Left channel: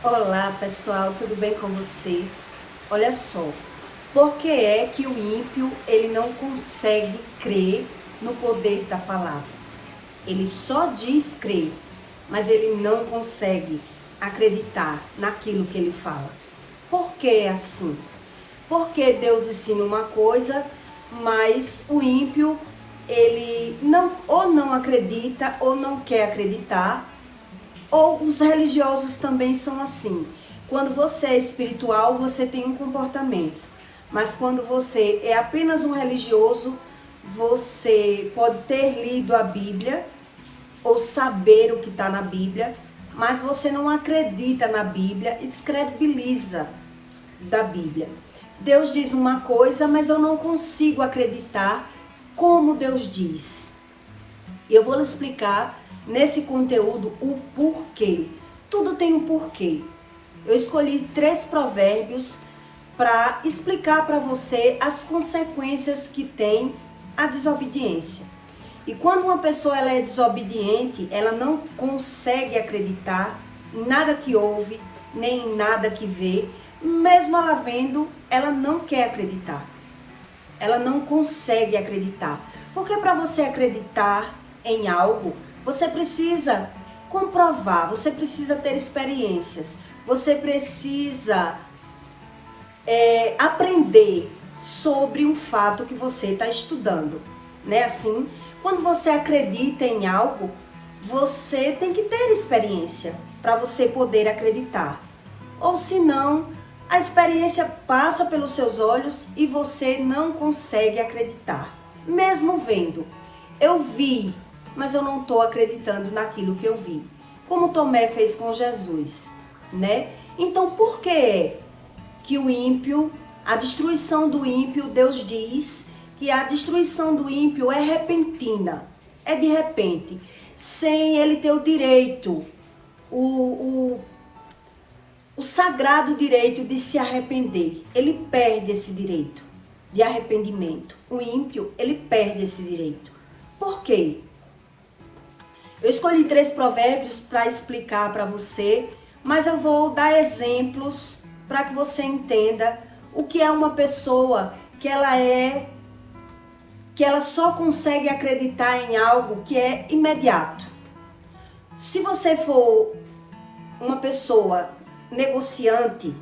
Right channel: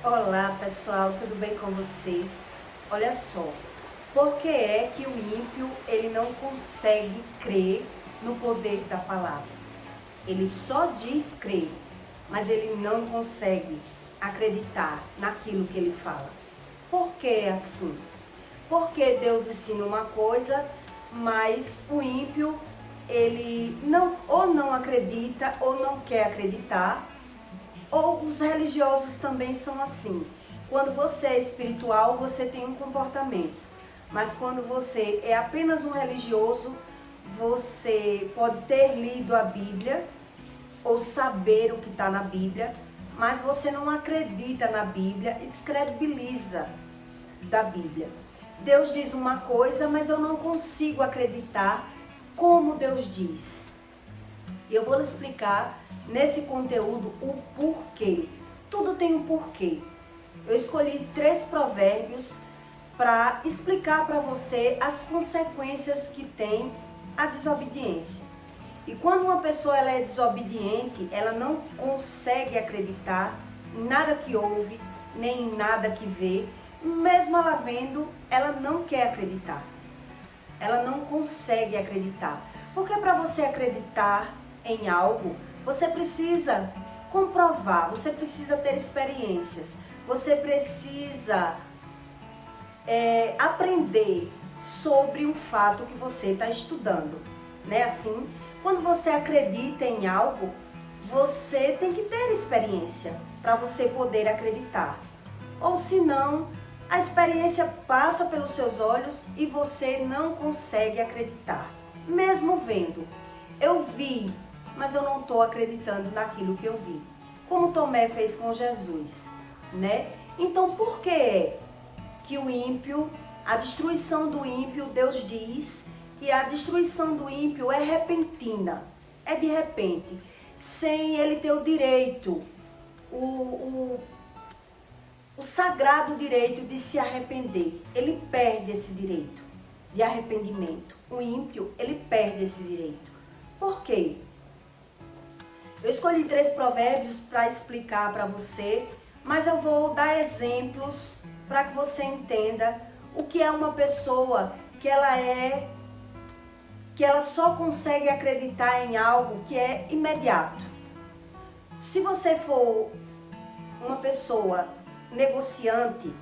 Olá pessoal, tudo bem com você? Olha só, por que é que o ímpio ele não consegue crer no poder da palavra? Ele só diz crer, mas ele não consegue acreditar naquilo que ele fala. Por que é assim? Porque Deus ensina uma coisa, mas o ímpio ele não acredita ou não quer acreditar. Ou os religiosos também são assim. Quando você é espiritual, você tem um comportamento. Mas quando você é apenas um religioso, você pode ter lido a Bíblia ou saber o que está na Bíblia, mas você não acredita na Bíblia e descredibiliza da Bíblia. Deus diz uma coisa, mas eu não consigo acreditar como Deus diz. E eu vou lhe explicar nesse conteúdo o porquê. Tudo tem um porquê. Eu escolhi 3 provérbios para explicar para você as consequências que tem a desobediência. E quando uma pessoa ela é desobediente, ela não consegue acreditar em nada que ouve, nem em nada que vê. Mesmo ela vendo, ela não quer acreditar. Ela não consegue acreditar. Porque para você acreditar em algo, você precisa comprovar, você precisa ter experiências, você precisa aprender sobre um fato que você está estudando, né? Assim, quando você acredita em algo, você tem que ter experiência para você poder acreditar. Ou senão, a experiência passa pelos seus olhos e você não consegue acreditar. Mesmo vendo, eu vi, mas eu não estou acreditando naquilo que eu vi. Como Tomé fez com Jesus, né? Então, por que o ímpio, a destruição do ímpio, Deus diz que a destruição do ímpio é repentina, é de repente, sem ele ter o direito, o sagrado direito de se arrepender. Ele perde esse direito de arrependimento. O ímpio, ele perde esse direito. Por quê? Eu escolhi 3 provérbios para explicar para você, mas eu vou dar exemplos para que você entenda o que é uma pessoa que ela só consegue acreditar em algo que é imediato. Se você for uma pessoa negociante,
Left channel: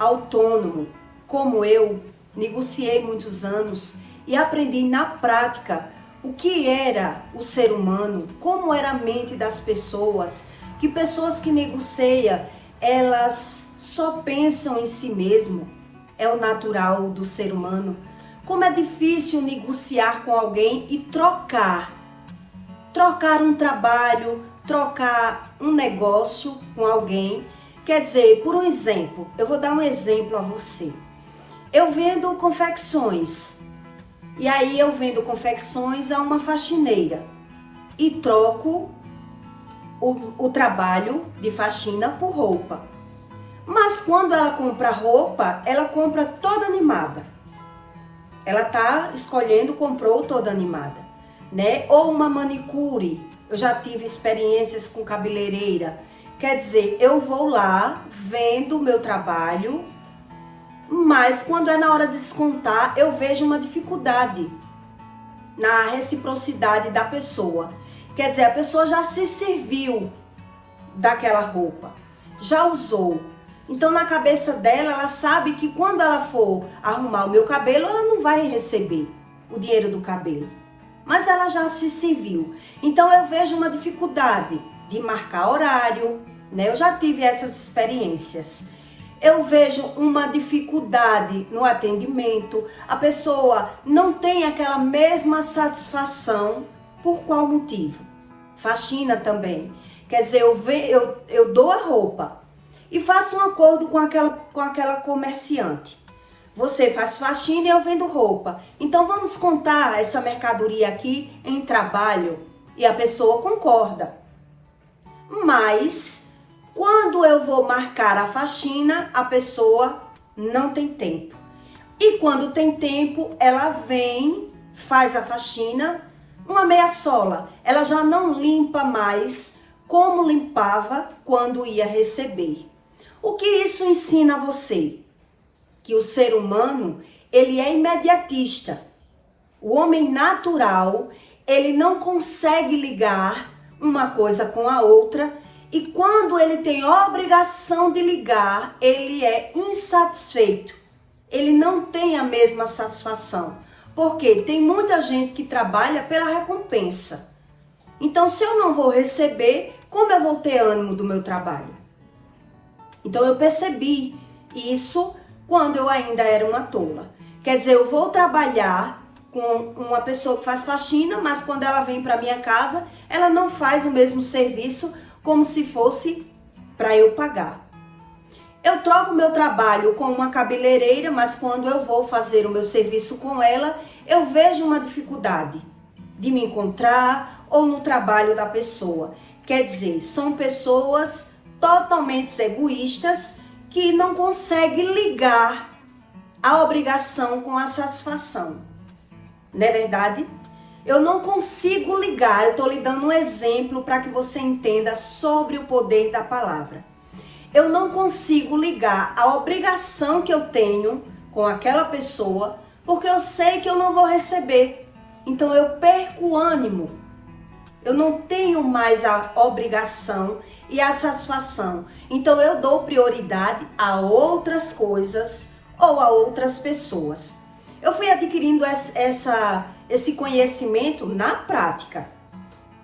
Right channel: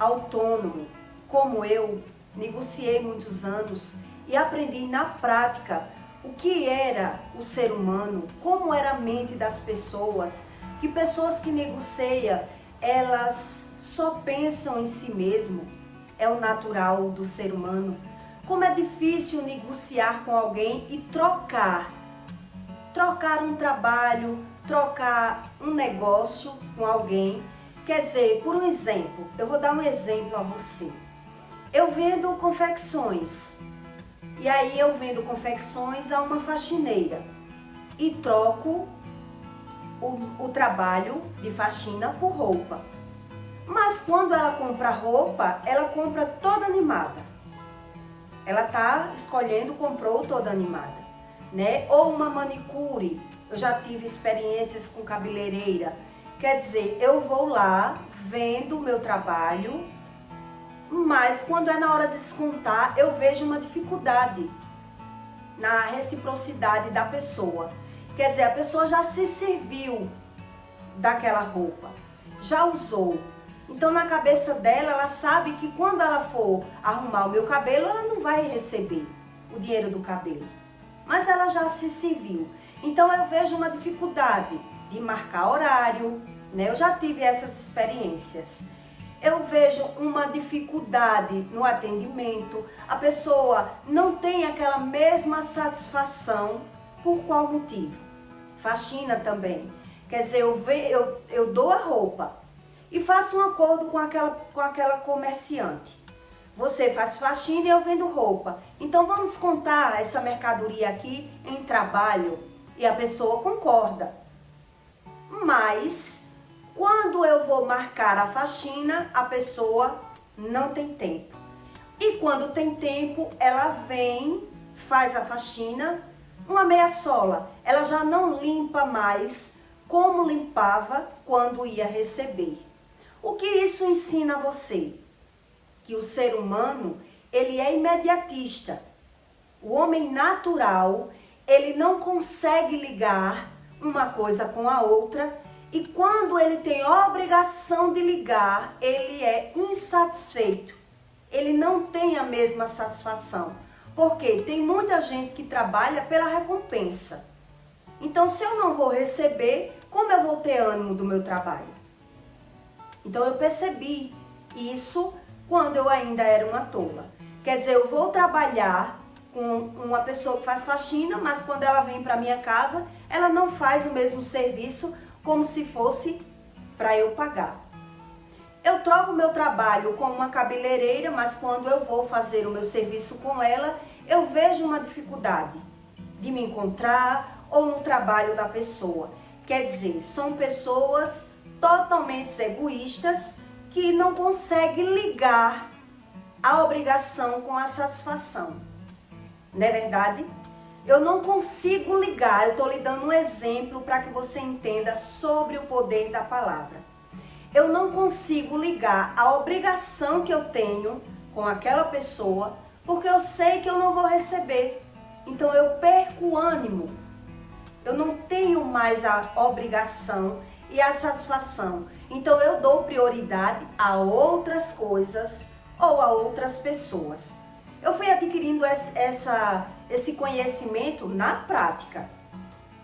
autônomo, como eu, negociei muitos anos e aprendi na prática o que era o ser humano, como era a mente das pessoas, que pessoas que negociam, elas só pensam em si mesmo, é o natural do ser humano. Como é difícil negociar com alguém e trocar um trabalho, trocar um negócio com alguém. Quer dizer, por um exemplo, eu vou dar um exemplo a você. Eu vendo confecções, e aí eu vendo confecções a uma faxineira e troco o trabalho de faxina por roupa. Mas quando ela compra roupa, ela compra toda animada. Ela tá escolhendo, comprou toda animada, né? Ou uma manicure, eu já tive experiências com cabeleireira. Quer dizer, eu vou lá, vendo o meu trabalho, mas quando é na hora de descontar, eu vejo uma dificuldade na reciprocidade da pessoa. Quer dizer, a pessoa já se serviu daquela roupa, já usou. Então, na cabeça dela, ela sabe que quando ela for arrumar o meu cabelo, ela não vai receber o dinheiro do cabelo. Mas ela já se serviu. Então, eu vejo uma dificuldade de marcar horário, né? Eu já tive essas experiências. Eu vejo uma dificuldade no atendimento. A pessoa não tem aquela mesma satisfação. Por qual motivo? Faxina também. Quer dizer, eu dou a roupa e faço um acordo com aquela comerciante. Você faz faxina e eu vendo roupa. Então vamos contar essa mercadoria aqui em trabalho. E a pessoa concorda. Mas quando eu vou marcar a faxina, a pessoa não tem tempo. E quando tem tempo, ela vem, faz a faxina, uma meia sola. Ela já não limpa mais como limpava quando ia receber. O que isso ensina a você? Que o ser humano, ele é imediatista. O homem natural, ele não consegue ligar uma coisa com a outra, e quando ele tem obrigação de ligar, ele é insatisfeito. Ele não tem a mesma satisfação. Porque tem muita gente que trabalha pela recompensa. Então, se eu não vou receber, como eu vou ter ânimo do meu trabalho? Então, eu percebi isso quando eu ainda era uma tola. Quer dizer, eu vou trabalhar com uma pessoa que faz faxina, mas quando ela vem para minha casa, ela não faz o mesmo serviço como se fosse para eu pagar. Eu troco meu trabalho com uma cabeleireira, mas quando eu vou fazer o meu serviço com ela, eu vejo uma dificuldade de me encontrar ou no trabalho da pessoa. Quer dizer, são pessoas totalmente egoístas que não conseguem ligar a obrigação com a satisfação. Não é verdade? Eu não consigo ligar, eu estou lhe dando um exemplo para que você entenda sobre o poder da palavra. Eu não consigo ligar a obrigação que eu tenho com aquela pessoa, porque eu sei que eu não vou receber. Então eu perco o ânimo. Eu não tenho mais a obrigação e a satisfação. Então eu dou prioridade a outras coisas ou a outras pessoas. Eu fui adquirindo esse conhecimento na prática,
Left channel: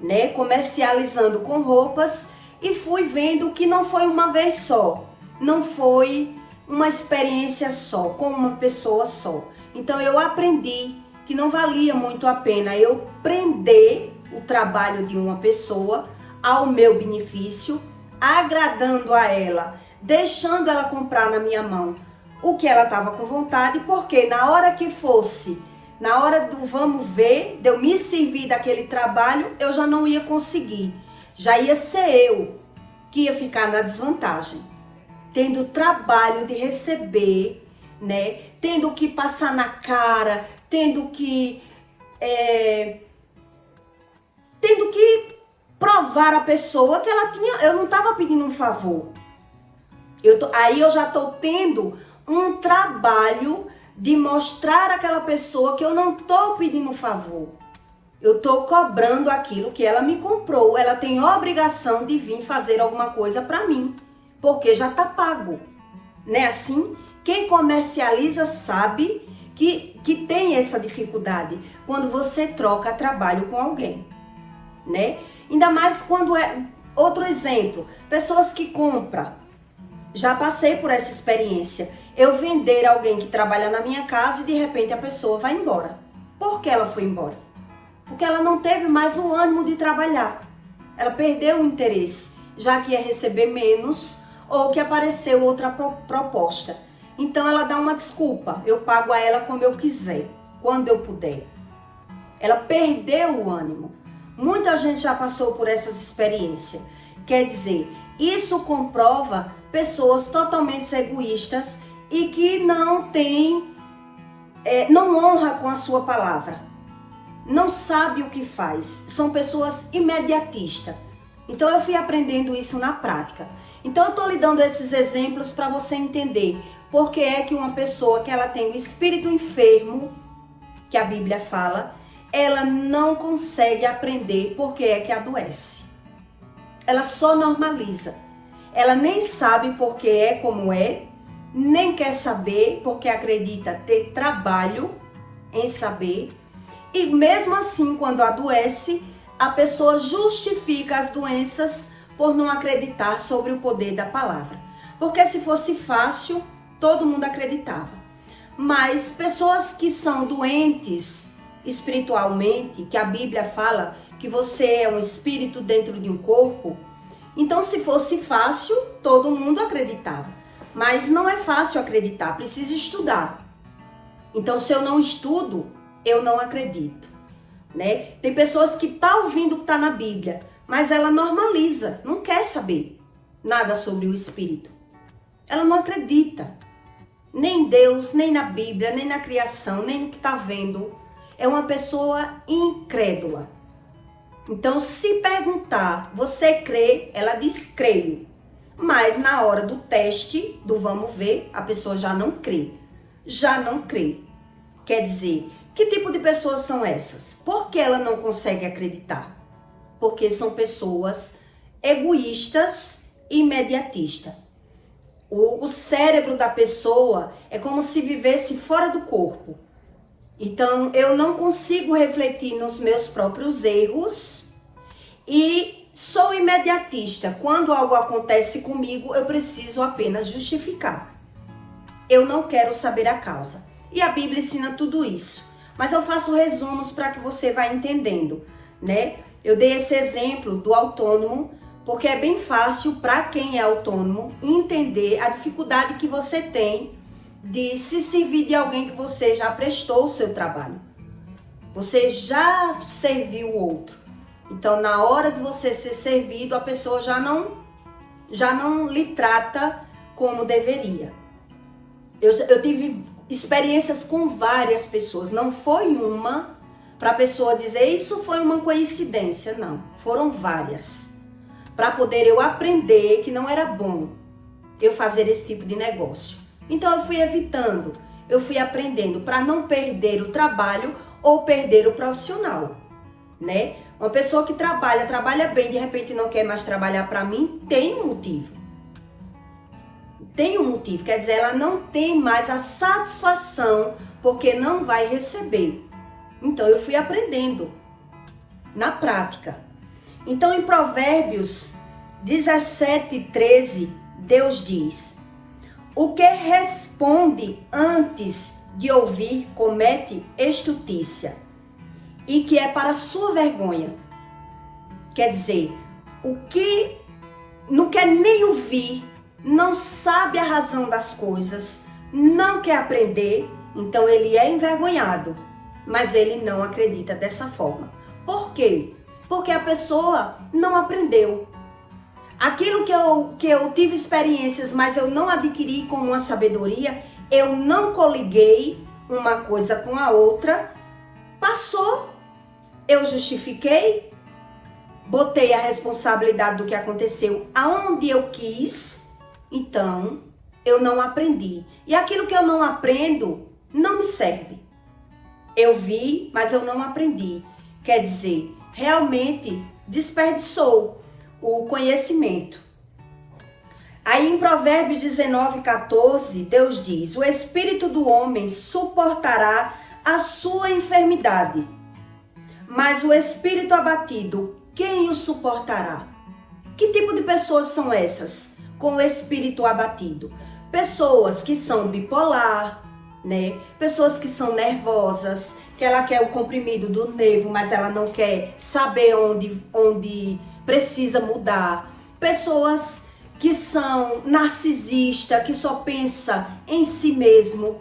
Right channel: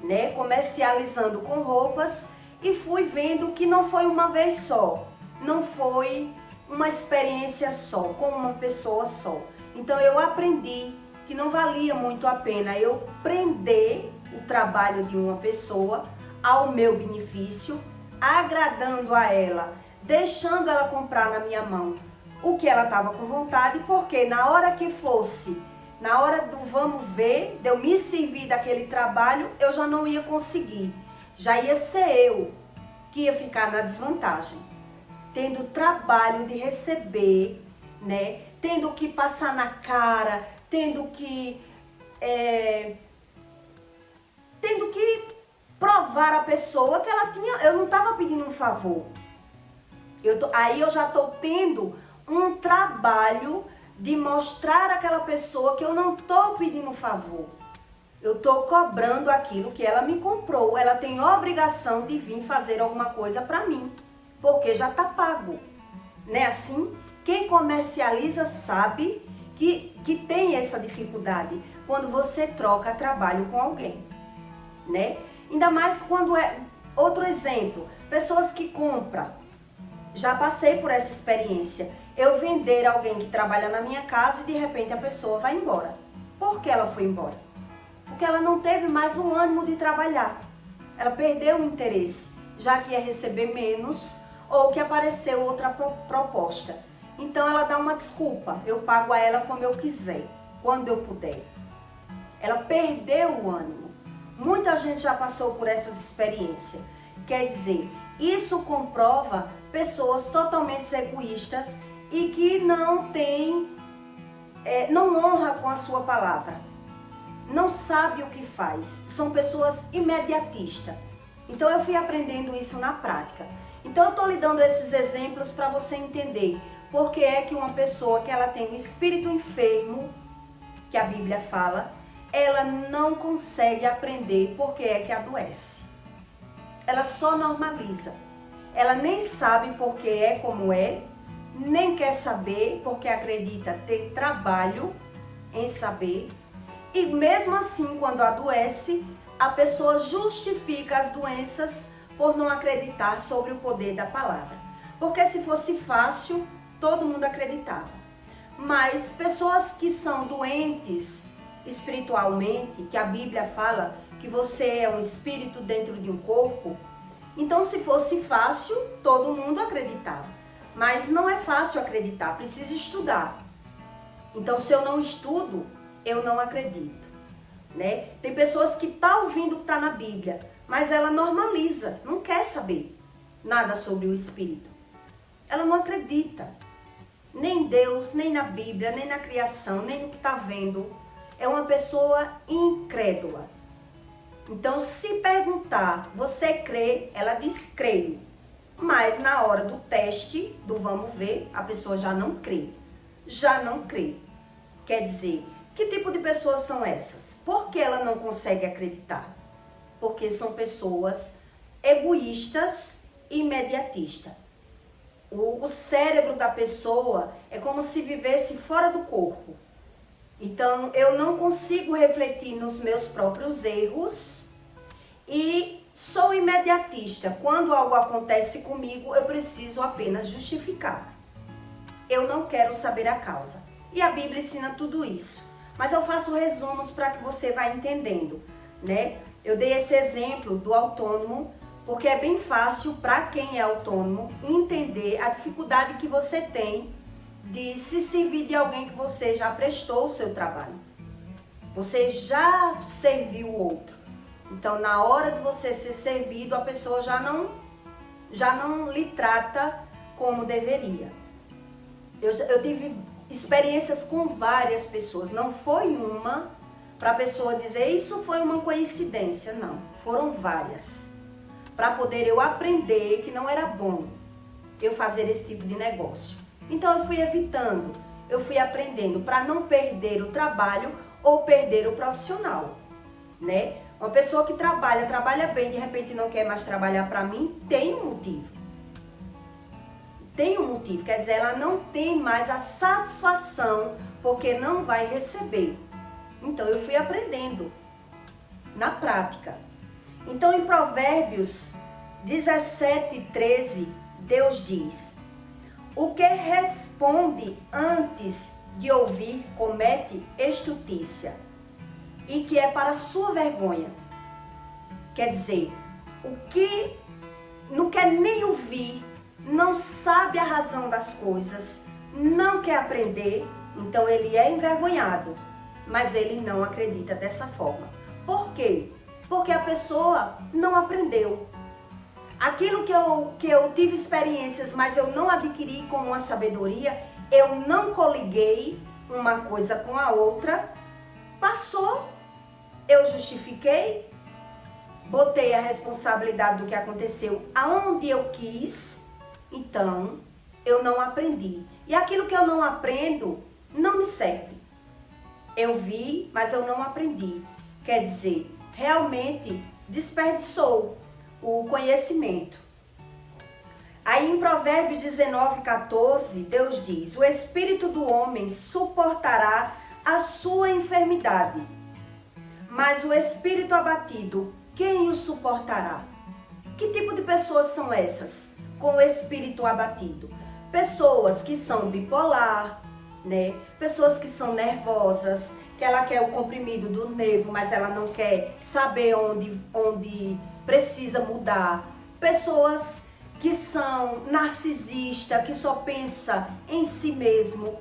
né? Comercializando com roupas e fui vendo que não foi uma vez só, não foi uma experiência só, com uma pessoa só. Então eu aprendi que não valia muito a pena eu prender o trabalho de uma pessoa ao meu benefício, agradando a ela, deixando ela comprar na minha mão o que ela estava com vontade, porque na hora que fosse, na hora do vamos ver, de eu me servir daquele trabalho, eu já não ia conseguir. Já ia ser eu que ia ficar na desvantagem. Tendo trabalho de receber, né? Tendo que passar na cara, tendo que provar a pessoa que ela tinha. Eu não estava pedindo um favor. Aí eu já estou tendo um trabalho de mostrar àquela pessoa que eu não estou pedindo um favor. Eu estou cobrando aquilo que ela me comprou. Ela tem obrigação de vir fazer alguma coisa para mim, porque já está pago. Não é assim? Quem comercializa sabe que tem essa dificuldade quando você troca trabalho com alguém, né? Ainda mais quando é... Outro exemplo, pessoas que compram. Já passei por essa experiência. Eu vender alguém que trabalha na minha casa e de repente a pessoa vai embora. Por que ela foi embora? Porque ela não teve mais o ânimo de trabalhar. Ela perdeu o interesse, já que ia receber menos ou que apareceu outra proposta. Então ela dá uma desculpa, eu pago a ela como eu quiser, quando eu puder. Ela perdeu o ânimo. Muita gente já passou por essas experiências. Quer dizer, isso comprova pessoas totalmente egoístas e que não honra com a sua palavra. Não sabe o que faz. São pessoas imediatistas. Então eu fui aprendendo isso na prática. Então eu estou lhe dando esses exemplos para você entender por que é que uma pessoa que ela tem o espírito enfermo, que a Bíblia fala, ela não consegue aprender porque é que adoece. Ela só normaliza. Ela nem sabe porque é como é, nem quer saber porque acredita ter trabalho em saber. E mesmo assim, quando adoece, a pessoa justifica as doenças por não acreditar sobre o poder da palavra. Porque se fosse fácil, todo mundo acreditava. Mas pessoas que são doentes espiritualmente, que a Bíblia fala que você é um espírito dentro de um corpo, então se fosse fácil, todo mundo acreditava. Mas não é fácil acreditar, precisa estudar. Então se eu não estudo, eu não acredito, né? Tem pessoas que estão ouvindo o que está na Bíblia, mas ela normaliza, não quer saber nada sobre o Espírito. Ela não acredita, nem em Deus, nem na Bíblia, nem na criação, nem no que está vendo. É uma pessoa incrédula. Então, se perguntar, você crê? Ela diz, creio. mas na hora do teste, do vamos ver, a pessoa já não crê. Já não crê. Quer dizer, que tipo de pessoas são essas? Por que ela não consegue acreditar? Porque são pessoas egoístas e imediatistas. O cérebro da pessoa é como se vivesse fora do corpo. Então, eu não consigo refletir nos meus próprios erros e sou imediatista. Quando algo acontece comigo, eu preciso apenas justificar. Eu não quero saber a causa. E a Bíblia ensina tudo isso. Mas eu faço resumos para que você vá entendendo, né? Eu dei esse exemplo do autônomo, porque é bem fácil para quem é autônomo entender a dificuldade que você tem de se servir de alguém que você já prestou o seu trabalho. Você já serviu o outro. Então, na hora de você ser servido, a pessoa já não lhe trata como deveria. Eu tive experiências com várias pessoas. Não foi uma para a pessoa dizer isso foi uma coincidência. Não, foram várias. Para poder eu aprender que não era bom eu fazer esse tipo de negócio. Então eu fui evitando, eu fui aprendendo para não perder o trabalho ou perder o profissional, né? Uma pessoa que trabalha bem, de repente não quer mais trabalhar para mim, tem um motivo. Tem um motivo, quer dizer, ela não tem mais a satisfação porque não vai receber. Então eu fui aprendendo na prática. Então em Provérbios 17:13, Deus diz: o que responde antes de ouvir comete estutícia, e que é para sua vergonha. Quer dizer, o que não quer nem ouvir, não sabe a razão das coisas, não quer aprender, então ele é envergonhado, mas ele não acredita dessa forma. Por quê? Porque a pessoa não aprendeu. Aquilo que eu tive experiências, mas eu não adquiri como uma sabedoria, eu não coliguei uma coisa com a outra, passou, eu justifiquei, botei a responsabilidade do que aconteceu aonde eu quis, então eu não aprendi. E aquilo que eu não aprendo não me serve. Eu vi, mas eu não aprendi. Quer dizer, realmente desperdiçou o conhecimento. Aí em Provérbios 19:14, Deus diz: o espírito do homem suportará a sua enfermidade, mas o espírito abatido, quem o suportará? Que tipo de pessoas são essas com o espírito abatido? Pessoas que são bipolar, né? Pessoas que são nervosas, que ela quer o comprimido do nervo, mas ela não quer saber onde precisa mudar. Pessoas que são narcisistas, que só pensa em si mesmo.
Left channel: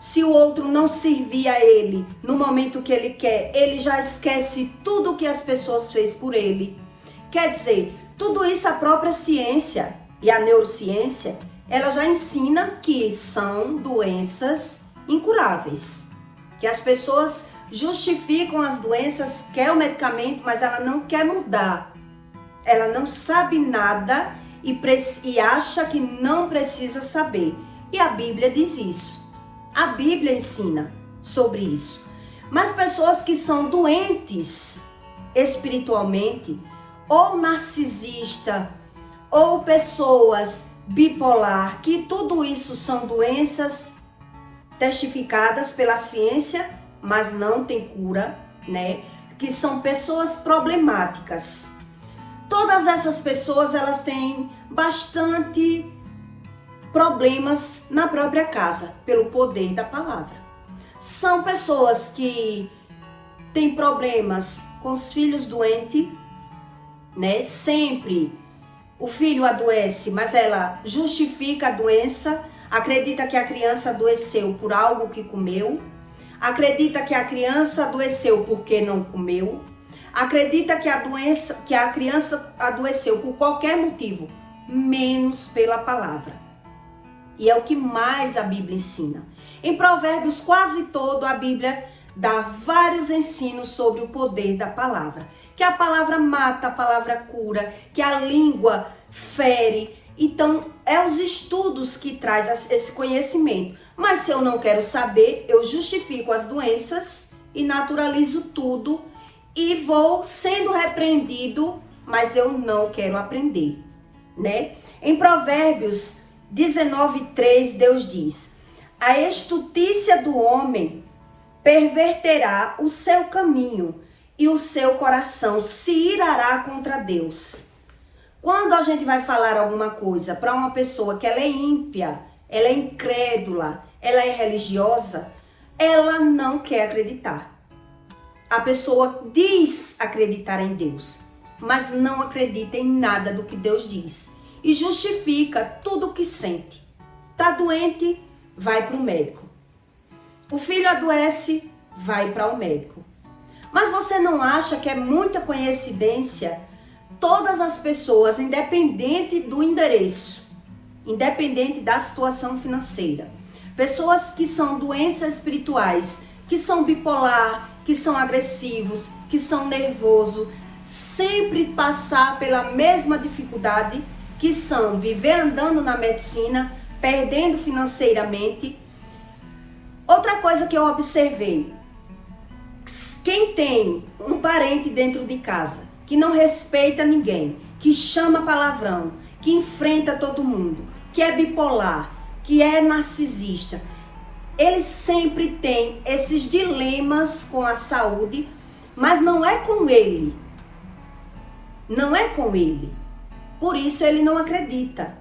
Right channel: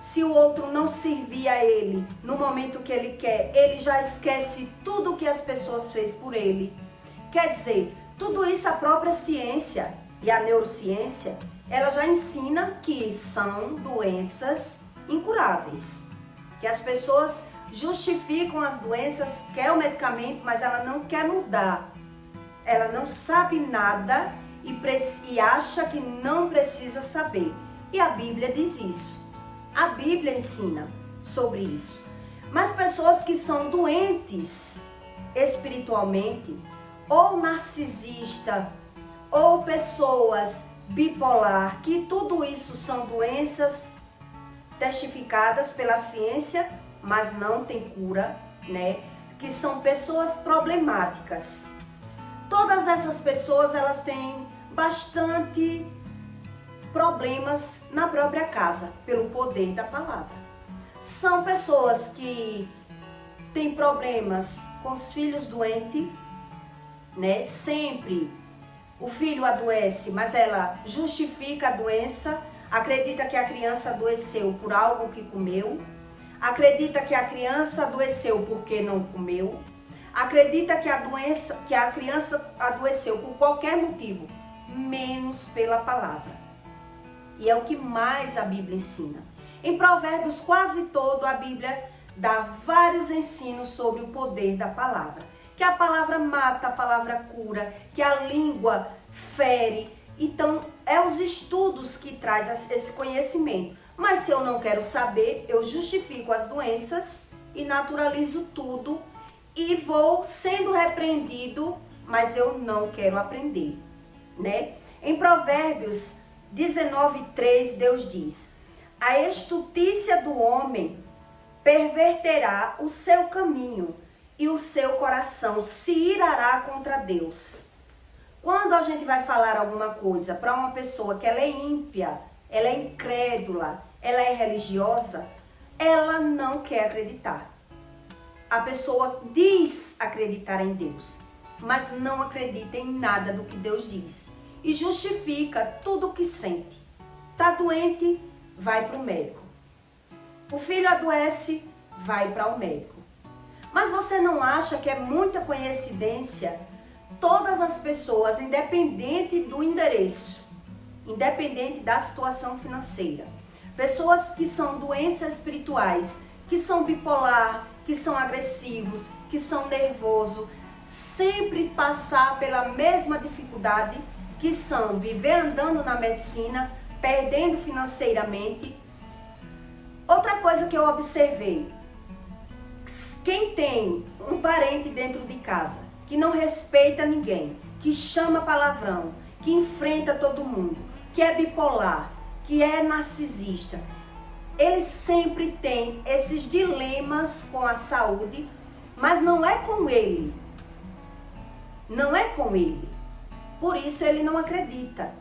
Se o outro não servir a ele no momento que ele quer, ele já esquece tudo que as pessoas fez por ele. Quer dizer, tudo isso a própria ciência e a neurociência, ela já ensina que são doenças incuráveis. Que as pessoas justificam as doenças, quer o medicamento, mas ela não quer mudar. Ela não sabe nada e acha que não precisa saber. E a Bíblia diz isso. A Bíblia ensina sobre isso. Mas pessoas que são doentes espiritualmente, ou narcisista, ou pessoas bipolar, que tudo isso são doenças testificadas pela ciência, mas não tem cura, né? Que são pessoas problemáticas. Todas essas pessoas, elas têm bastante problemas na própria casa, pelo poder da palavra. São pessoas que têm problemas com os filhos doentes, né? Sempre o filho adoece, mas ela justifica a doença, acredita que a criança adoeceu por algo que comeu, acredita que a criança adoeceu porque não comeu, acredita que a criança adoeceu por qualquer motivo, menos pela palavra. E é o que mais a Bíblia ensina. Em Provérbios quase todo a Bíblia dá vários ensinos sobre o poder da palavra. Que a palavra mata, a palavra cura, que a língua fere, Então, é os estudos que traz esse conhecimento. Mas se eu não quero saber, eu justifico as doenças e naturalizo tudo e vou sendo repreendido, mas eu não quero aprender, né? Em Provérbios 19:3, Deus diz: a estultícia do homem perverterá o seu caminho e o seu coração se irará contra Deus. Quando a gente vai falar alguma coisa para uma pessoa que ela é ímpia, ela é incrédula, ela é religiosa, ela não quer acreditar. A pessoa diz acreditar em Deus, mas não acredita em nada do que Deus diz. E justifica tudo o que sente. Tá doente, vai para o médico. O filho adoece, vai para o médico. Mas você não acha que é muita coincidência todas as pessoas, independente do endereço, independente da situação financeira, pessoas que são doentes espirituais, que são bipolar, que são agressivos, que são nervosos, sempre passar pela mesma dificuldade, que são viver andando na medicina, perdendo financeiramente. Outra coisa que eu observei, quem tem um parente dentro de casa, que não respeita ninguém, que chama palavrão, que enfrenta todo mundo, que é bipolar, que é narcisista, ele sempre tem esses dilemas com a saúde, mas não é com ele. Não é com ele. Por isso ele não acredita,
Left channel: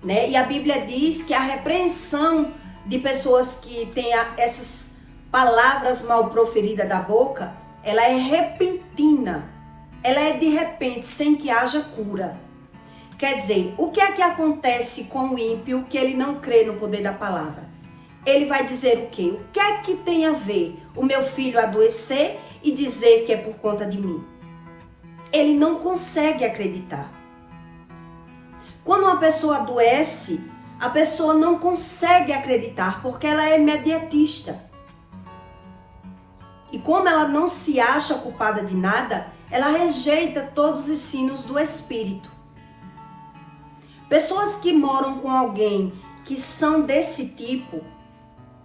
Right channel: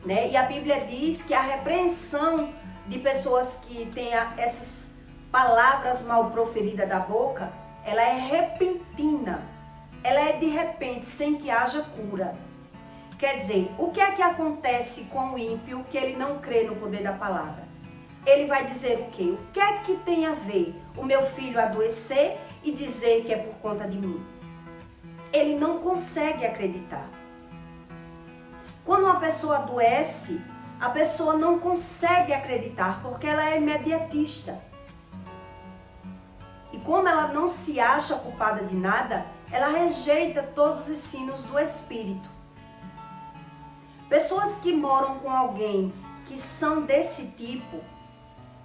né? E a Bíblia diz que a repreensão de pessoas que têm essas palavras mal proferidas da boca, ela é repentina. Ela é de repente, sem que haja cura. Quer dizer, o que é que acontece com o ímpio que ele não crê no poder da palavra? Ele vai dizer o quê? O que é que tem a ver o meu filho adoecer e dizer que é por conta de mim? Ele não consegue acreditar. Quando uma pessoa adoece, a pessoa não consegue acreditar porque ela é imediatista. E como ela não se acha culpada de nada, ela rejeita todos os ensinos do Espírito. Pessoas que moram com alguém que são desse tipo,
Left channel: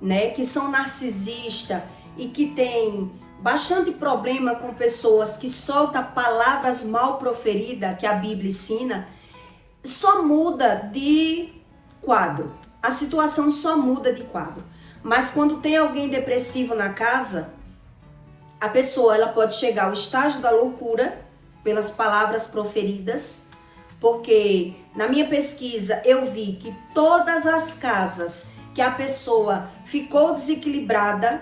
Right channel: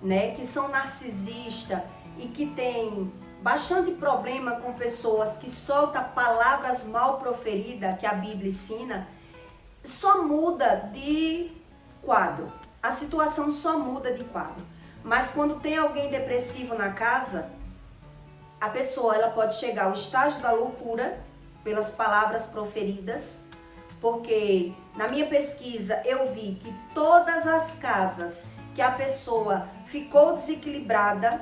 né, que são narcisistas e que tem bastante problema com pessoas que soltam palavras mal proferidas, que a Bíblia ensina, só muda de quadro. A situação só muda de quadro. Mas quando tem alguém depressivo na casa, a pessoa ela pode chegar ao estágio da loucura pelas palavras proferidas, porque na minha pesquisa eu vi que todas as casas que a pessoa ficou desequilibrada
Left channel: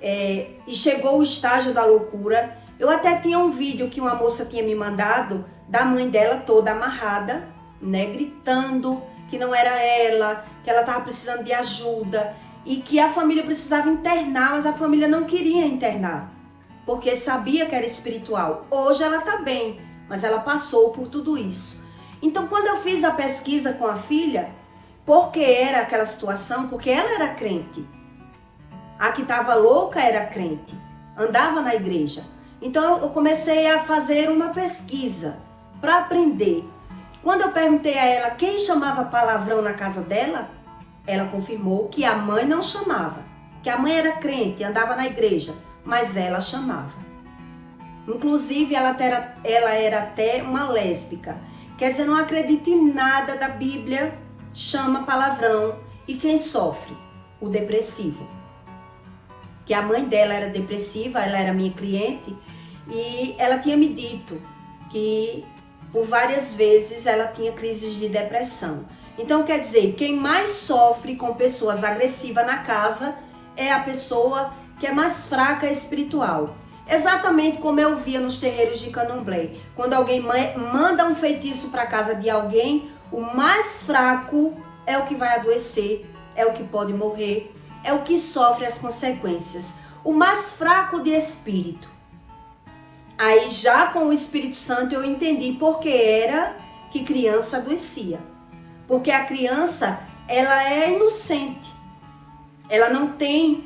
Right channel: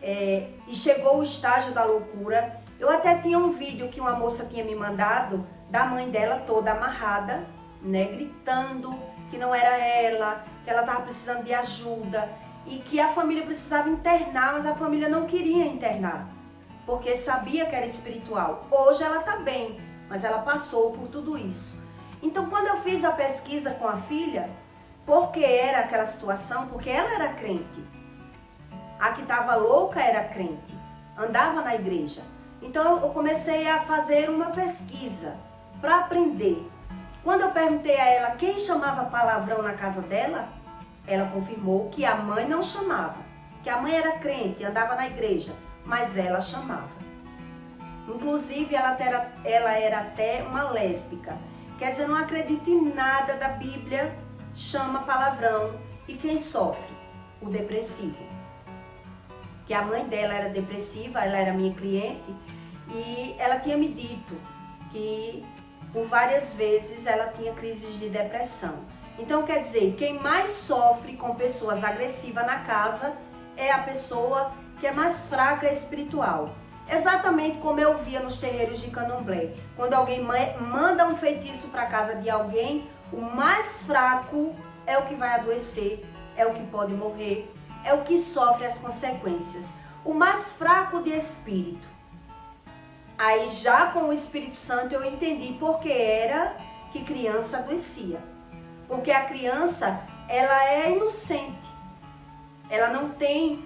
e chegou ao estágio da loucura, eu até tinha um vídeo que uma moça tinha me mandado da mãe dela toda amarrada, né, gritando que não era ela, que ela estava precisando de ajuda, e que a família precisava internar, mas a família não queria internar, porque sabia que era espiritual. Hoje ela está bem, mas ela passou por tudo isso. Então, quando eu fiz a pesquisa com a filha, porque era aquela situação, porque ela era crente. A que estava louca era crente, andava na igreja. Então, eu comecei a fazer uma pesquisa para aprender. Quando eu perguntei a ela quem chamava palavrão na casa dela, ela confirmou que a mãe não chamava, que a mãe era crente, andava na igreja, mas ela chamava. Inclusive, ela era até uma lésbica. Quer dizer, não acredita em nada da Bíblia, chama palavrão. E quem sofre? O depressivo. Que a mãe dela era depressiva, ela era minha cliente, e ela tinha me dito que por várias vezes ela tinha crises de depressão. Então, quer dizer, quem mais sofre com pessoas agressivas na casa é a pessoa que é mais fraca espiritual. Exatamente como eu via nos terreiros de Candomblé. Quando alguém manda um feitiço para a casa de alguém, o mais fraco é o que vai adoecer, é o que pode morrer, é o que sofre as consequências. O mais fraco de espírito. Aí já com o Espírito Santo eu entendi por que era que criança adoecia. Porque a criança, ela é inocente. Ela não tem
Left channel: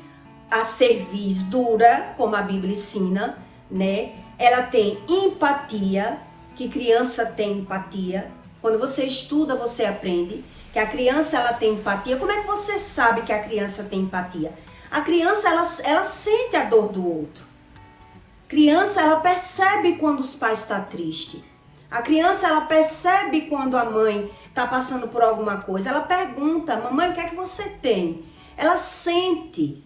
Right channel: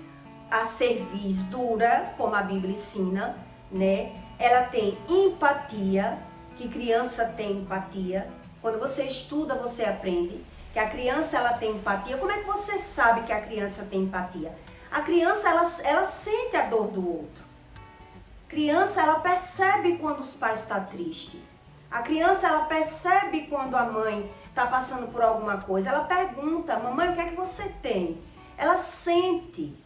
a cerviz dura, como a Bíblia ensina, né? Ela tem empatia, que criança tem empatia. Quando você estuda, você aprende que a criança ela tem empatia. Como é que você sabe que a criança tem empatia? A criança ela sente a dor do outro. Criança ela percebe quando os pais estão tristes. A criança ela percebe quando a mãe está passando por alguma coisa. Ela pergunta: mamãe, o que é que você tem? Ela sente.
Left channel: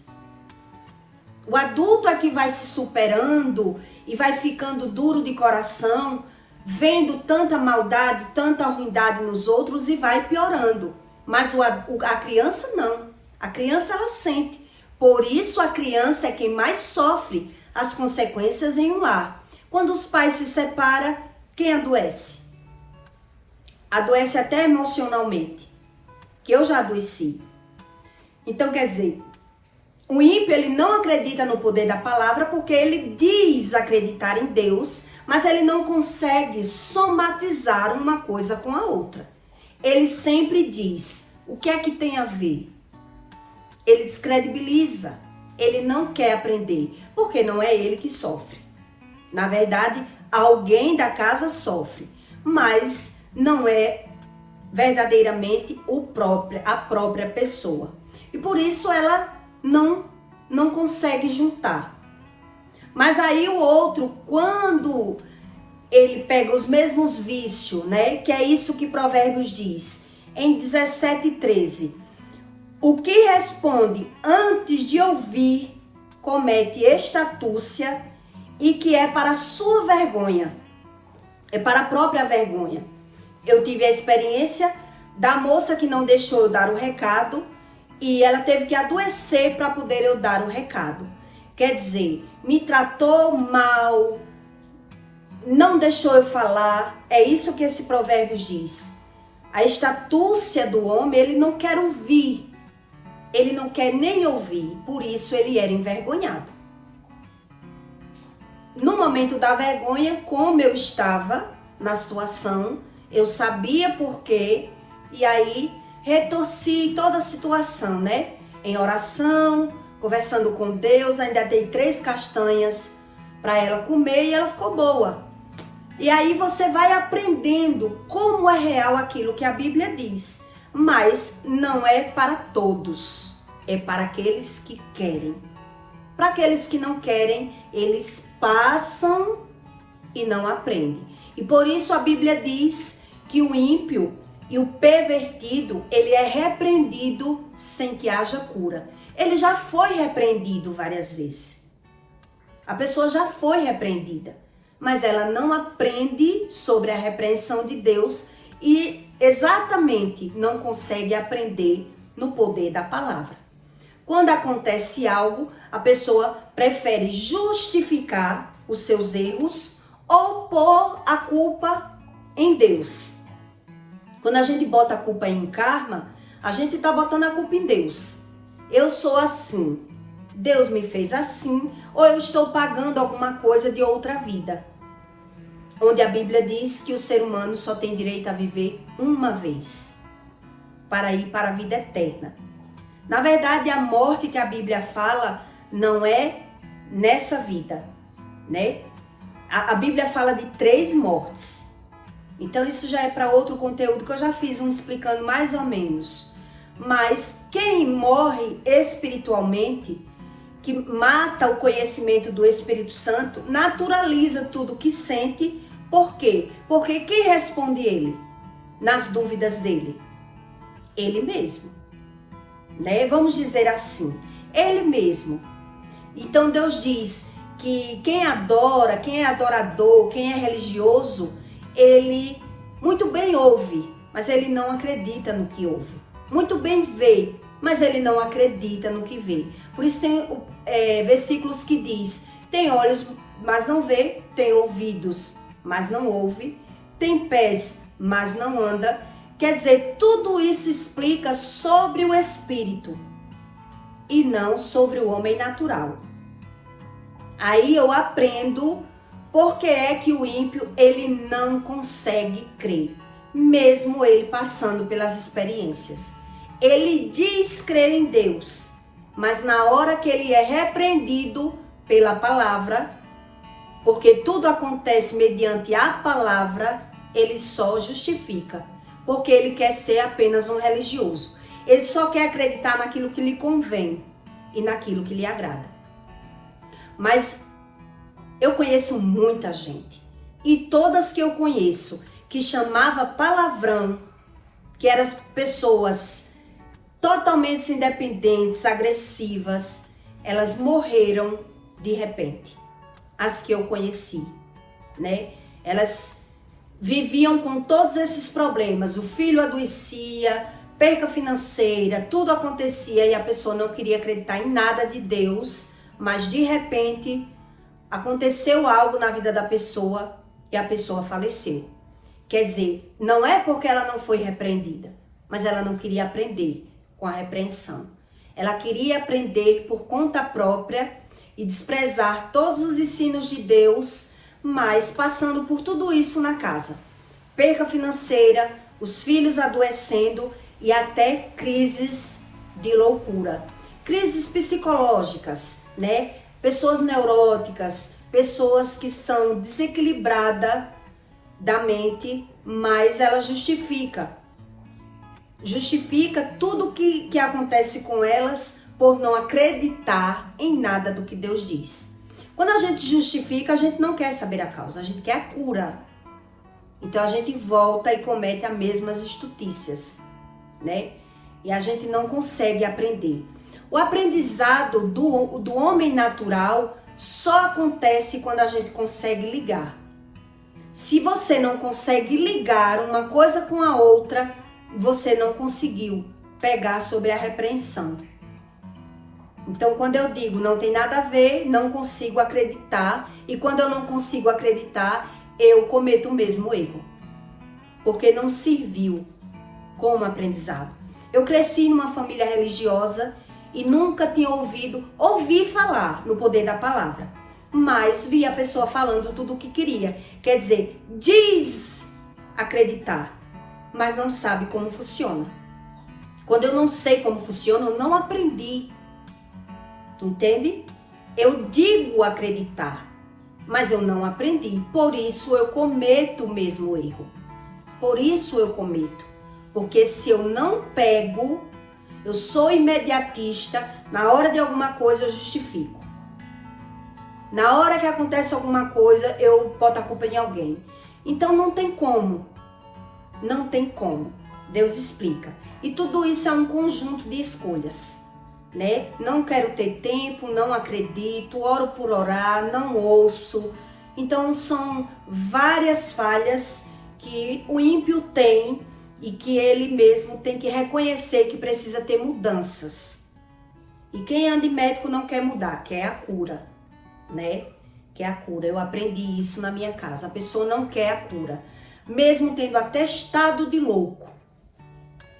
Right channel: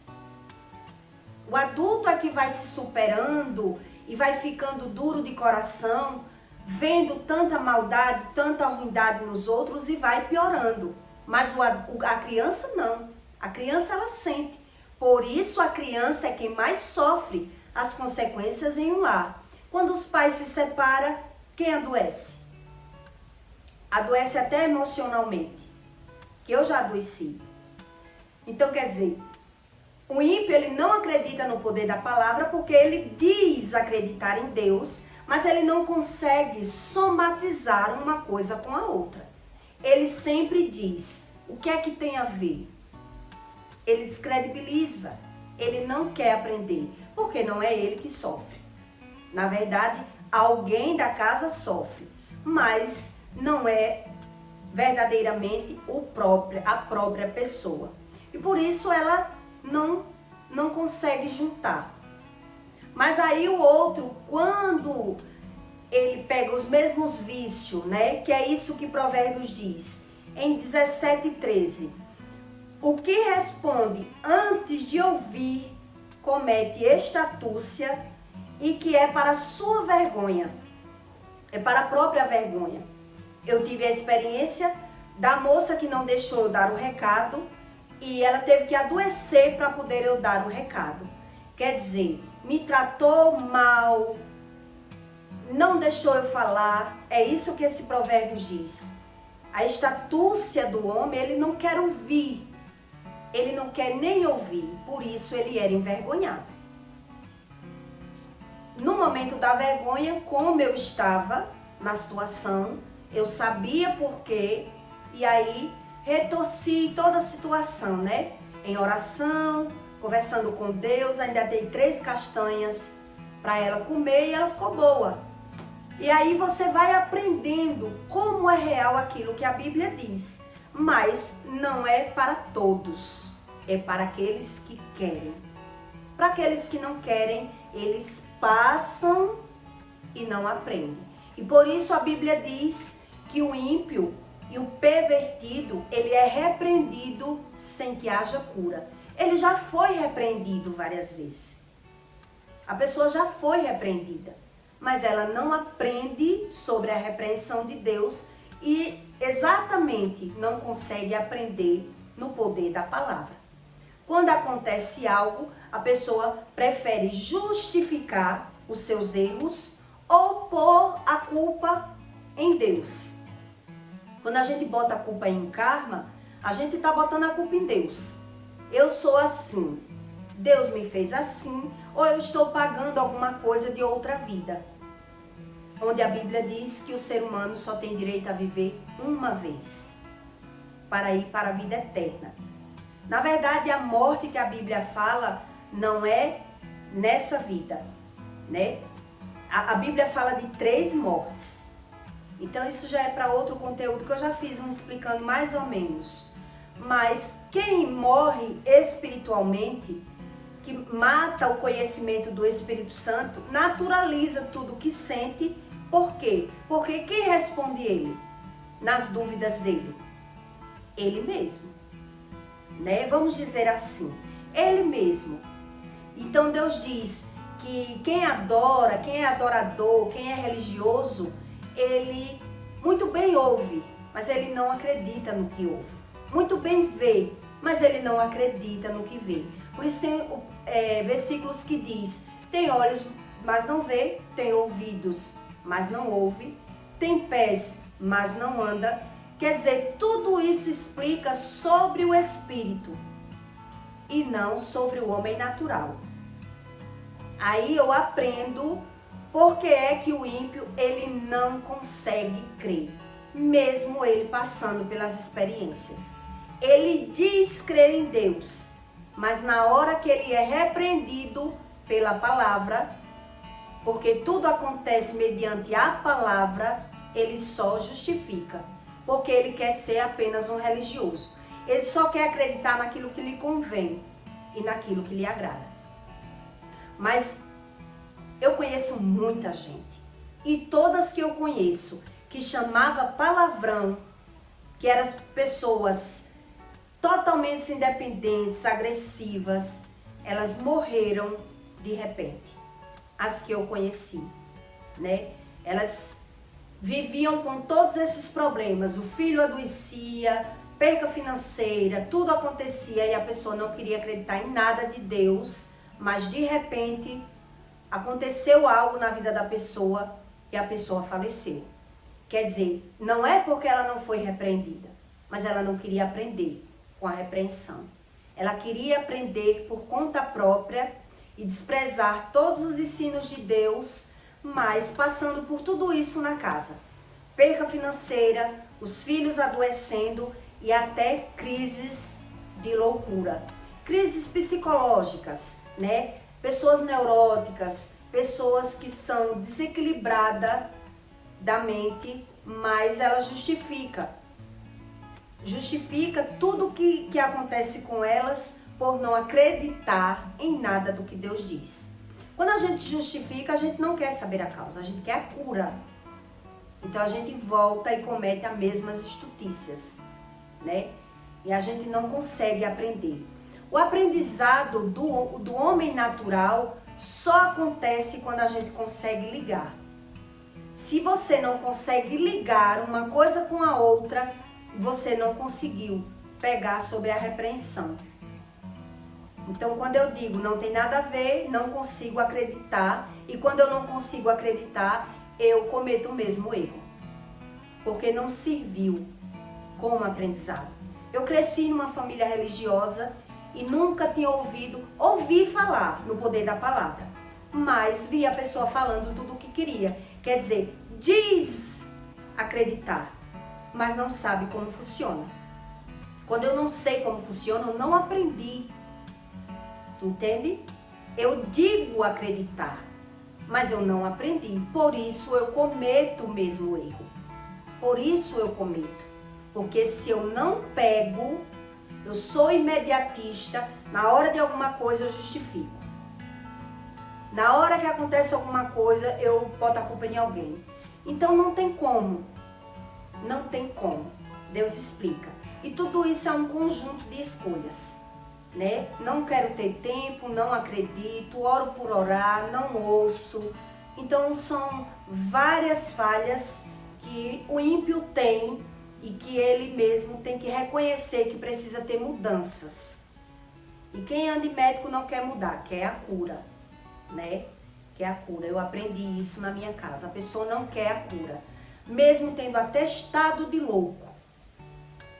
O adulto é que vai se superando e vai ficando duro de coração, vendo tanta maldade, tanta ruindade nos outros e vai piorando. Mas a criança não. A criança ela sente. Por isso a criança é quem mais sofre as consequências em um lar. Quando os pais se separam, quem adoece? Adoece até emocionalmente, que eu já adoeci. Então quer dizer, o ímpio ele não acredita no poder da palavra porque ele diz acreditar em Deus, mas ele não consegue somatizar uma coisa com a outra. Ele sempre diz: o que é que tem a ver? Ele descredibiliza, ele não quer aprender, porque não é ele que sofre. Na verdade, alguém da casa sofre, mas não é verdadeiramente a própria pessoa. E por isso ela não consegue juntar. Mas aí o outro, quando ele pega os mesmos vícios, né? Que é isso que Provérbios diz, em 17:13. O que responde antes de ouvir, comete estatúcia, e que é para sua vergonha, é para a própria vergonha. Eu tive a experiência da moça que não deixou eu dar o recado, e ela teve que adoecer para poder eu dar o recado. Quer dizer, me tratou mal, não deixou eu falar. É isso que esse provérbio diz. A estatúcia do homem, ele não quer ouvir. Ele não quer nem ouvir. Por isso ele era envergonhado. No momento da vergonha, como eu estava na situação, eu sabia por quê. E aí retorci toda a situação, né? Em oração, conversando com Deus, ainda dei 3 castanhas para ela comer e ela ficou boa. E aí você vai aprendendo como é real aquilo que a Bíblia diz. Mas não é para todos, é para aqueles que querem. Para aqueles que não querem, eles passam e não aprendem. E por isso a Bíblia diz que o ímpio e o pervertido, ele é repreendido sem que haja cura. Ele já foi repreendido várias vezes. A pessoa já foi repreendida, mas ela não aprende sobre a repreensão de Deus e exatamente não consegue aprender no poder da palavra. Quando acontece algo, a pessoa prefere justificar os seus erros ou pôr a culpa em Deus. Quando a gente bota a culpa em karma, a gente está botando a culpa em Deus. Eu sou assim, Deus me fez assim, ou eu estou pagando alguma coisa de outra vida. Onde a Bíblia diz que o ser humano só tem direito a viver uma vez, para ir para a vida eterna. Na verdade, a morte que a Bíblia fala não é nessa vida, né? A Bíblia fala de 3 mortes. Então isso já é para outro conteúdo que eu já fiz explicando mais ou menos. Mas quem morre espiritualmente, que mata o conhecimento do Espírito Santo, naturaliza tudo que sente. Por quê? Porque quem responde ele nas dúvidas dele? Ele mesmo, né? Vamos dizer assim, ele mesmo. Então Deus diz que quem adora, quem é adorador, quem é religioso, ele muito bem ouve, mas ele não acredita no que ouve. Muito bem vê, mas ele não acredita no que vê. Por isso tem versículos que diz: tem olhos, mas não vê, tem ouvidos, mas não ouve, tem pés, mas não anda. Quer dizer, tudo isso explica sobre o espírito e não sobre o homem natural. Aí eu aprendo porque é que o ímpio ele não consegue crer, mesmo ele passando pelas experiências. Ele diz crer em Deus, mas na hora que ele é repreendido pela palavra, porque tudo acontece mediante a palavra, ele só justifica, porque ele quer ser apenas um religioso. Ele só quer acreditar naquilo que lhe convém e naquilo que lhe agrada. Mas eu conheço muita gente, e todas que eu conheço que chamava palavrão, que eram pessoas totalmente independentes, agressivas, elas morreram de repente. As que eu conheci, né? Elas viviam com todos esses problemas, o filho adoecia, perca financeira, tudo acontecia e a pessoa não queria acreditar em nada de Deus, mas de repente aconteceu algo na vida da pessoa e a pessoa faleceu. Quer dizer, não é porque ela não foi repreendida, mas ela não queria aprender com a repreensão. Ela queria aprender por conta própria e desprezar todos os ensinos de Deus, mas passando por tudo isso na casa. Perca financeira, os filhos adoecendo e até crises de loucura. Crises psicológicas, né? Pessoas neuróticas, pessoas que são desequilibradas da mente, mas ela justifica tudo que acontece com elas por não acreditar em nada do que Deus diz. Quando a gente justifica, a gente não quer saber a causa, a gente quer a cura. Então a gente volta e comete as mesmas estutícias, né? E a gente não consegue aprender. O aprendizado do homem natural só acontece quando a gente consegue ligar. Se você não consegue ligar uma coisa com a outra, você não conseguiu pegar sobre a repreensão. Então, quando eu digo não tem nada a ver, não consigo acreditar, e quando eu não consigo acreditar, eu cometo o mesmo erro, porque não serviu como aprendizado. Eu cresci numa família religiosa e nunca tinha ouvi falar no poder da palavra, mas vi a pessoa falando tudo o que queria. Quer dizer, diz acreditar, mas não sabe como funciona. Quando eu não sei como funciona, eu não aprendi. Entende? Eu digo acreditar, mas eu não aprendi. Por isso eu cometo o mesmo erro. Por isso eu cometo. Porque se eu não pego, eu sou imediatista, na hora de alguma coisa eu justifico. Na hora que acontece alguma coisa, eu boto a culpa em alguém. Então não tem como. Não tem como. Deus explica. E tudo isso é um conjunto de escolhas, né? Não quero ter tempo, não acredito, oro por orar, não ouço. Então são várias falhas que o ímpio tem e que ele mesmo tem que reconhecer que precisa ter mudanças. E quem anda de médico não quer mudar, quer a cura, né? Quer a cura. Eu aprendi isso na minha casa. A pessoa não quer a cura. Mesmo tendo atestado de louco,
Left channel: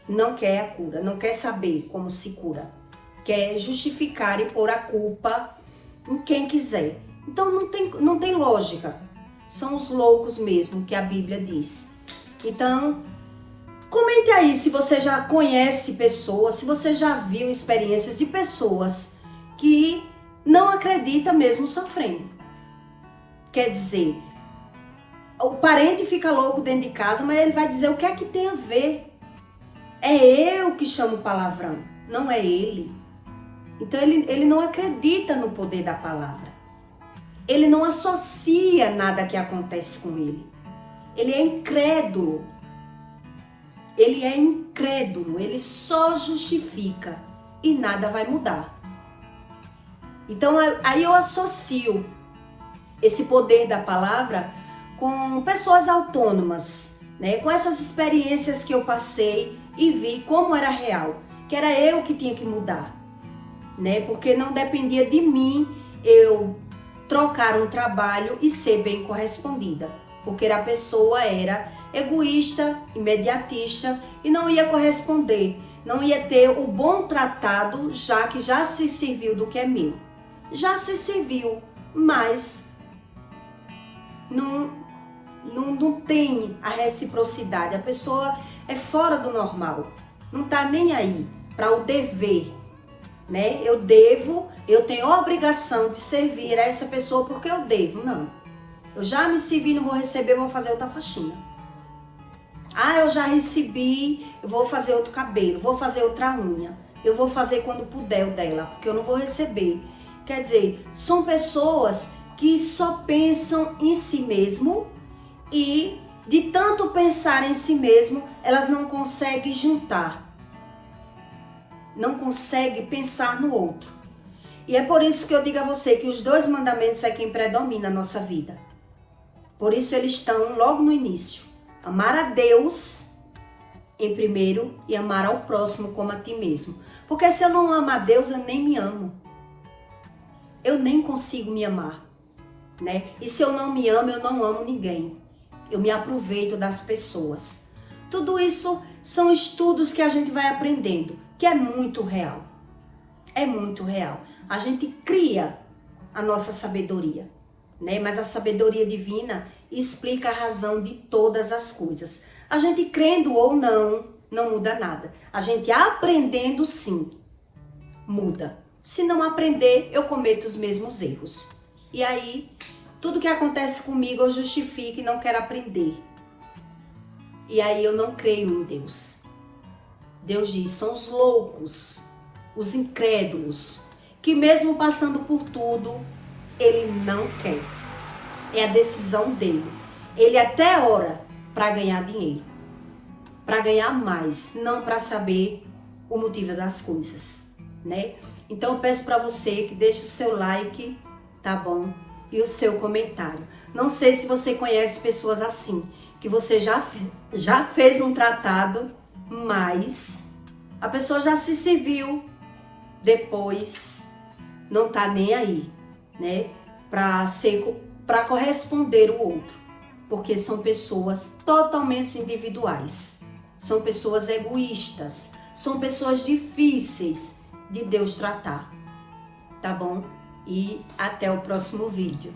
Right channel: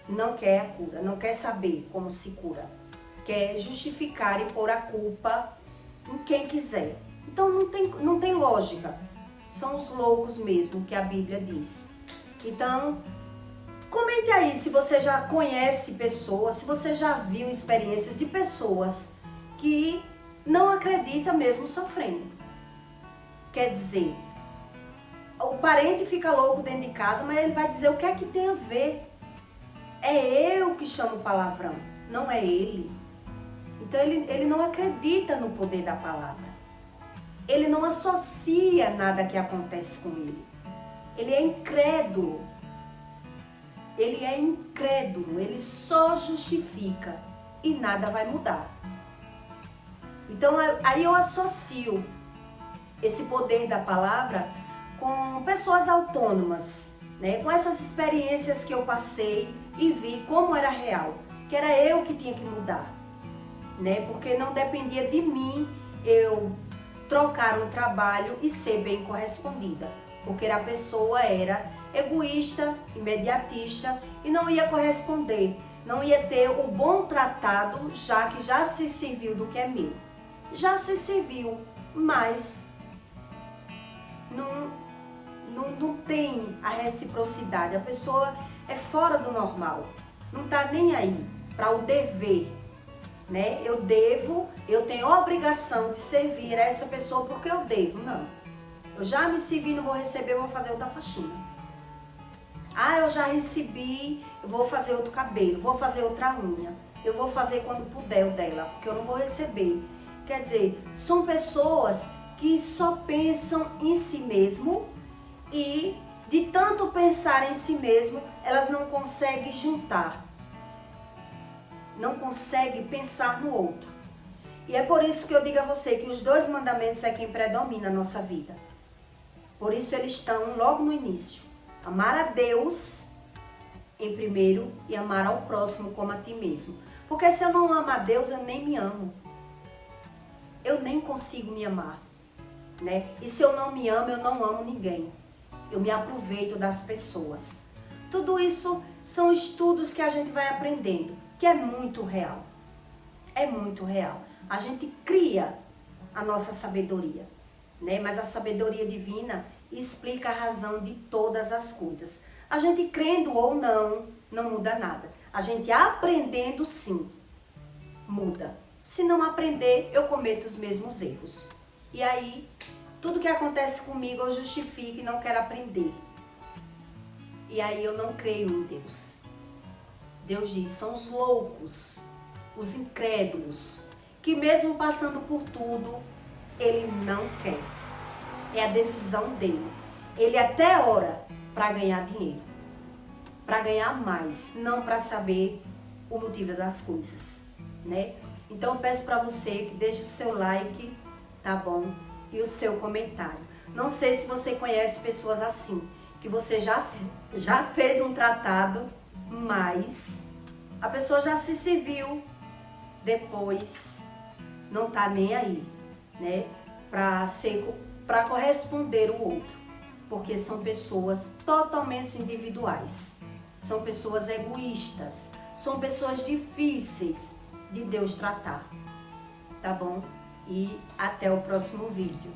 não quer a cura, não quer saber como se cura. Quer justificar e pôr a culpa em quem quiser. Então não tem lógica. São os loucos mesmo que a Bíblia diz. Então, comente aí se você já conhece pessoas, se você já viu experiências de pessoas que não acreditam mesmo sofrendo. Quer dizer, o parente fica louco dentro de casa, mas ele vai dizer o que é que tem a ver. É eu que chamo palavrão, não é ele. Então ele não acredita no poder da palavra. Ele não associa nada que acontece com ele. Ele é incrédulo. Ele é incrédulo, ele só justifica e nada vai mudar. Então aí eu associo esse poder da palavra com pessoas autônomas, né? Com essas experiências que eu passei e vi como era real, que era eu que tinha que mudar, né? Porque não dependia de mim eu trocar um trabalho e ser bem correspondida, porque a pessoa era egoísta, imediatista e não ia corresponder, não ia ter o bom tratado, já que já se serviu do que é meu. Já se serviu, mas não tem a reciprocidade. A pessoa é fora do normal, não tá nem aí para o dever, né? Eu tenho a obrigação de servir a essa pessoa porque eu devo. Não, eu já me servi, não vou receber, vou fazer outra faxina. Ah, eu já recebi, eu vou fazer outro cabelo, vou fazer outra unha. Eu vou fazer quando puder o dela, porque eu não vou receber. Quer dizer, são pessoas que só pensam em si mesmo e de tanto pensar em si mesmo, elas não conseguem juntar. Não conseguem pensar no outro. E é por isso que eu digo a você que os 2 mandamentos é quem predomina a nossa vida. Por isso eles estão logo no início. Amar a Deus em primeiro e amar ao próximo como a ti mesmo. Porque se eu não amo a Deus, eu nem me amo. Eu nem consigo me amar, né? E se eu não me amo, eu não amo ninguém. Eu me aproveito das pessoas. Tudo isso são estudos que a gente vai aprendendo, que é muito real. É muito real. A gente cria a nossa sabedoria, né? Mas a sabedoria divina explica a razão de todas as coisas. A gente crendo ou não, não muda nada. A gente aprendendo, sim, muda. Se não aprender, eu cometo os mesmos erros. E aí, tudo que acontece comigo eu justifico e não quero aprender. E aí eu não creio em Deus. Deus diz, são os loucos, os incrédulos, que mesmo passando por tudo, ele não quer. É a decisão dele. Ele até ora para ganhar dinheiro, para ganhar mais, não para saber o motivo das coisas, né? Então eu peço para você que deixe o seu like, tá bom? E o seu comentário. Não sei se você conhece pessoas assim, que você já fez um tratado, mas a pessoa já se serviu, depois não tá nem aí, né? Para corresponder o outro, porque são pessoas totalmente individuais, são pessoas egoístas, são pessoas difíceis de Deus tratar, tá bom? E até o próximo vídeo.